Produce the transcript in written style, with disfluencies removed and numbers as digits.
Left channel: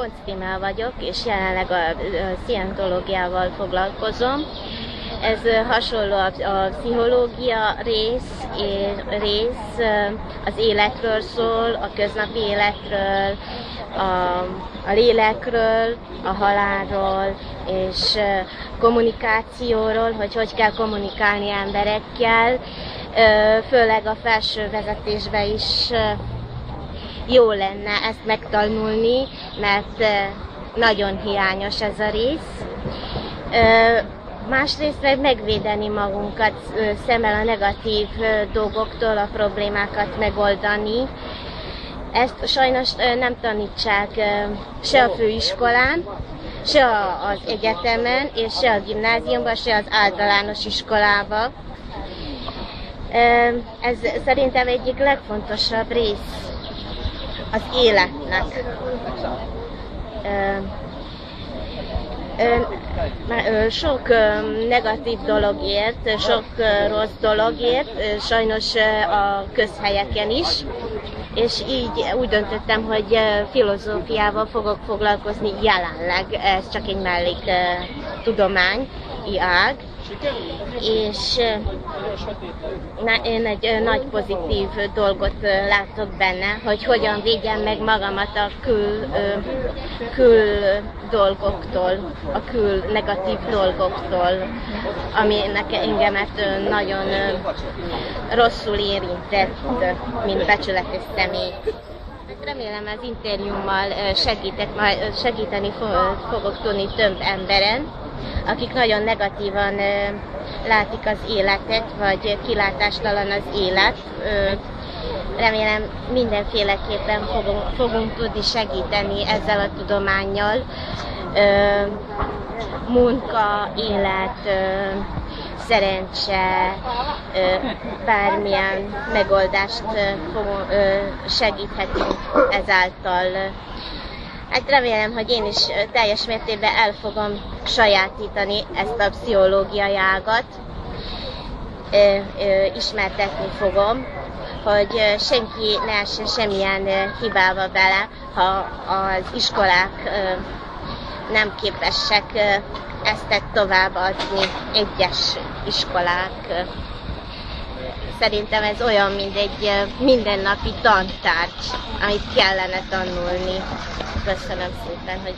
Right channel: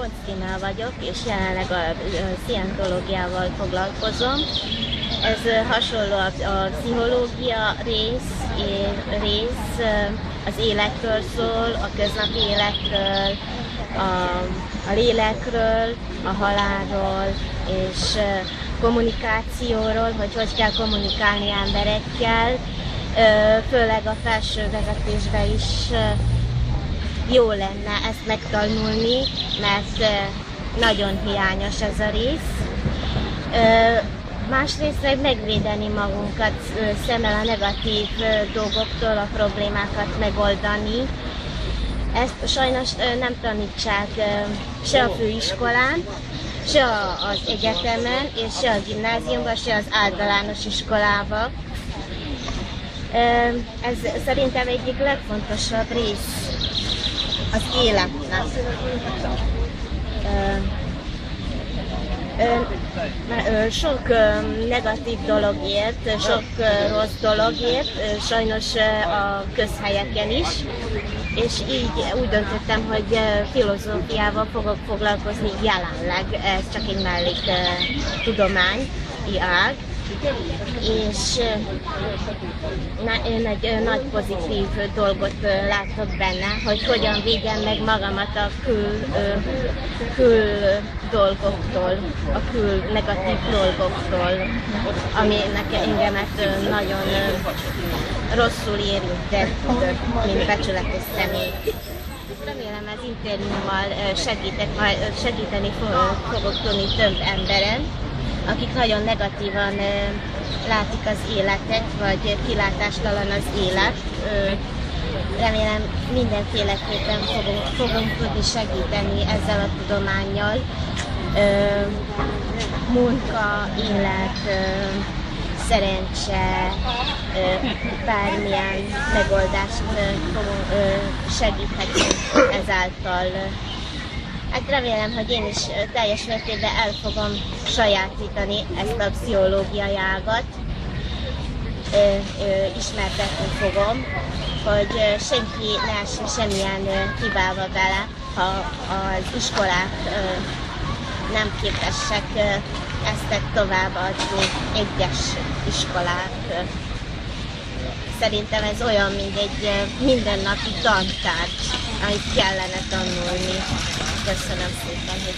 Koncz vagyok, és jelenleg a szientológiával foglalkozom. Ez hasonló a pszichológia rész, az életről szól, a köznapi életről, a lélekről, a halálról, és kommunikációról, hogy kell kommunikálni emberekkel, főleg a felső vezetésben is jó lenne ezt megtanulni, mert nagyon hiányos ez a rész. Másrészt megvédeni magunkat szemmel a negatív dolgoktól, a problémákat megoldani. Ezt sajnos nem tanítsák se a főiskolán, se az egyetemen, és se a gimnáziumban, se az általános iskolában. Ez szerintem egyik legfontosabb rész az életnek. Sok negatív dologért, sok rossz dologért, sajnos a közhelyeken is, és így úgy döntöttem, hogy filozófiával fogok foglalkozni jelenleg, ez csak egy melléktudományi ág, és én egy nagy pozitív dolgot látok benne, hogy hogyan védjem meg magamat a kül dolgoktól, a kül negatív dolgoktól, aminek engemet nagyon rosszul érintett, mint becsületes személy. Remélem az interjúmmal segíteni fogok tudni több emberen, akik nagyon negatívan látik az életet, vagy kilátástalan az élet. Remélem mindenféleképpen fogunk tudni segíteni ezzel a tudománnyal. Munka, élet, szerencse, bármilyen megoldást segíthetünk ezáltal. Hát remélem, hogy én is teljes mértékben el fogom sajátítani ezt a pszichológiai ágat, ismertetni fogom, hogy senki ne essen semmilyen hibába bele, ha az iskolák nem képesek ezt továbbadni, egyes iskolák. Szerintem ez olyan, mint egy mindennapi tantárgy, amit kellene tanulni. Köszönöm szépen, hogy